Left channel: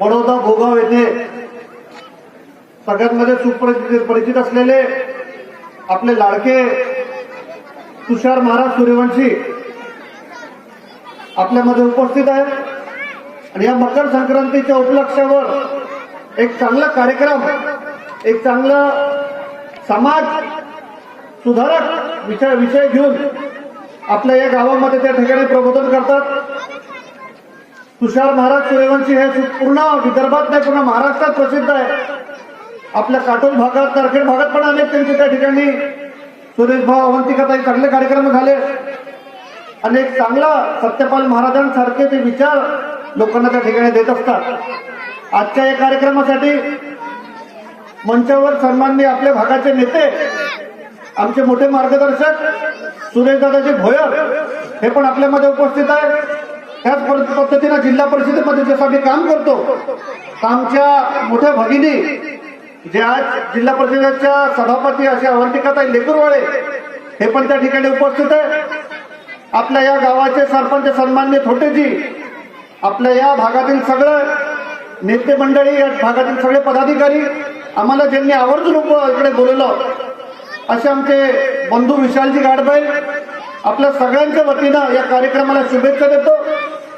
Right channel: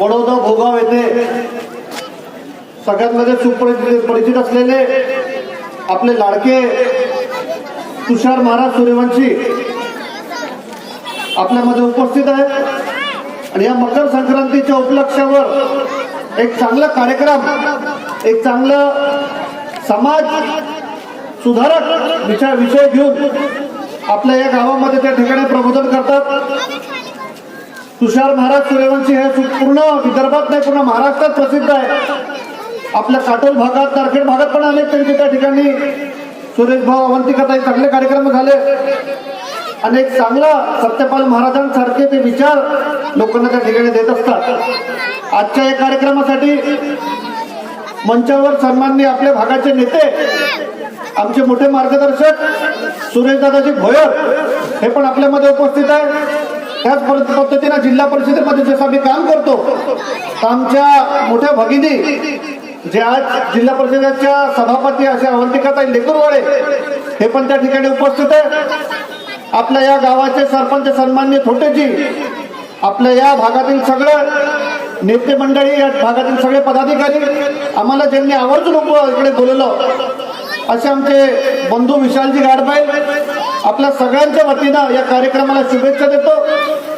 बडोदा भोगाव येथे सगळ्यांमध्ये सुपरिचित परिचित असलेले आपले लाडके तुषार महाराज सूर्यवंशी आपल्यामध्ये उपस्थित आहेत. आणि या मकर संक्रांतीच्या उपलक्षावर एक चांगला कार्यक्रम एक चांगलं समाज सुधारक विचार विषय घेऊन आपल्या या गावामध्ये त्या ठिकाणी प्रबोधन करतात. तुषार महाराज सूर्यवंशी हे पूर्ण विदर्भात नाही पूर्ण महाराष्ट्रात प्रसिद्ध आहे आपल्या काटोल भागात तारखेड भागात पण अनेक त्यांचे त्या ठिकाणी सुरेश भाऊ अवंतिकता चांगले कार्यक्रम झाले. अनेक चांगला सत्यपाल महाराजांसारखे ते विचार लोकांना त्या ठिकाणी देत असतात. आजच्या या कार्यक्रमासाठी मंचावर सन्माननीय आपल्या भागाचे नेते आमचे मोठे मार्गदर्शक सुरेश दादाजी भोयर हे पण आपल्यामध्ये उपस्थित आहे त्याच पद्धत- पद्धतीनं जिल्हा परिषदेमध्ये जसं आम्ही काम करतो आमच्या मोठ्या भगिनी जे आज जिल्हा परिषदेच्या सभापती अशा अवंतिकाताई लेकरवाळे हे पण त्या ठिकाणी उपस्थित आहे आपल्या या गावाचे सरपंच सन्मान्य थोटेजी आपल्या या भागातील सगळं नेते मंडळी या भागातील सगळे पदाधिकारी आम्हाला ज्यांनी आवर्जून इकडे बोलवलं असे आमचे बंधू विशालजी गाडबाई आपल्या सगळ्यांच्या वतीनं या कार्यक्रमाला शुभेच्छा देतो.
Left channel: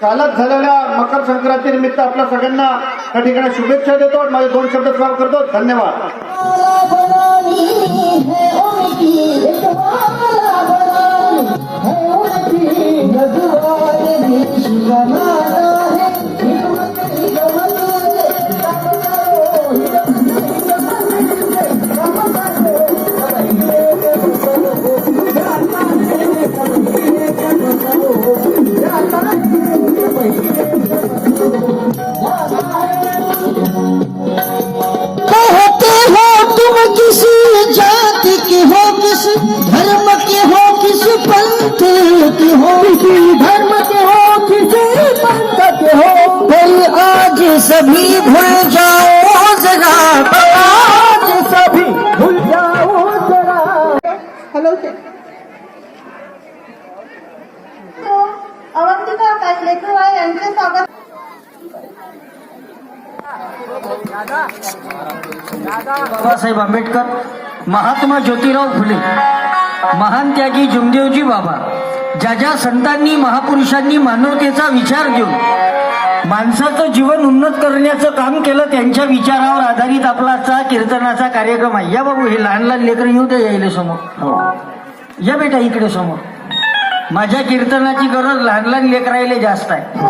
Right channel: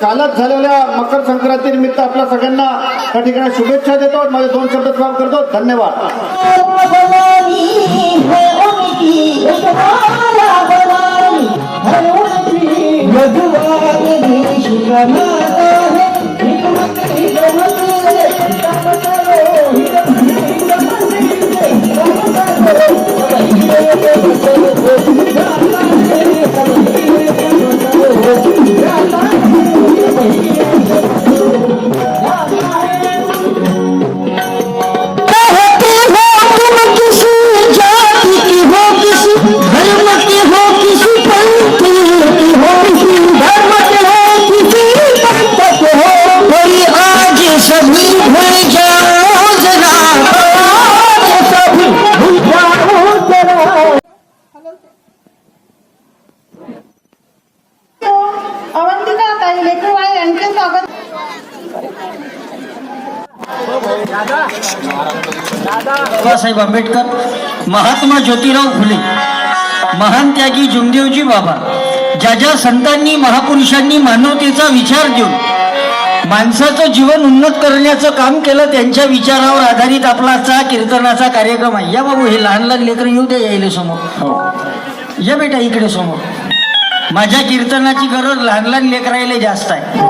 कालच झालेल्या मकर संक्रांती निमित्त आपल्या सगळ्यांना त्या ठिकाणी शुभेच्छा देतो माझे दोन शब्द काम करतो धन्यवाद Yeah. हलवते अवंतिका ताई लेकरवाळे यांचे स्वागत. बाबासाहेब आंबेडकर महात्मा ज्योतिराव फुले महान त्यागी जुमदेवजी बाबा ज्या ज्या संतांनी महापुरुषांनी मानवतेचा विचार देऊन माणसाचं जीवन उन्नत करण्याचं काम केलं त्यांच्या विचारावर आधारित आपला आजचा कीर्तनाचा कार्यक्रम आहे. या बाबू हे लहान लहान लेकर येऊ द्या यायला समोर. हो. या बेटा इकडे समोर. माझ्या कीर्तनाची गरज लहान लहान लेकरायला जास्त आहे.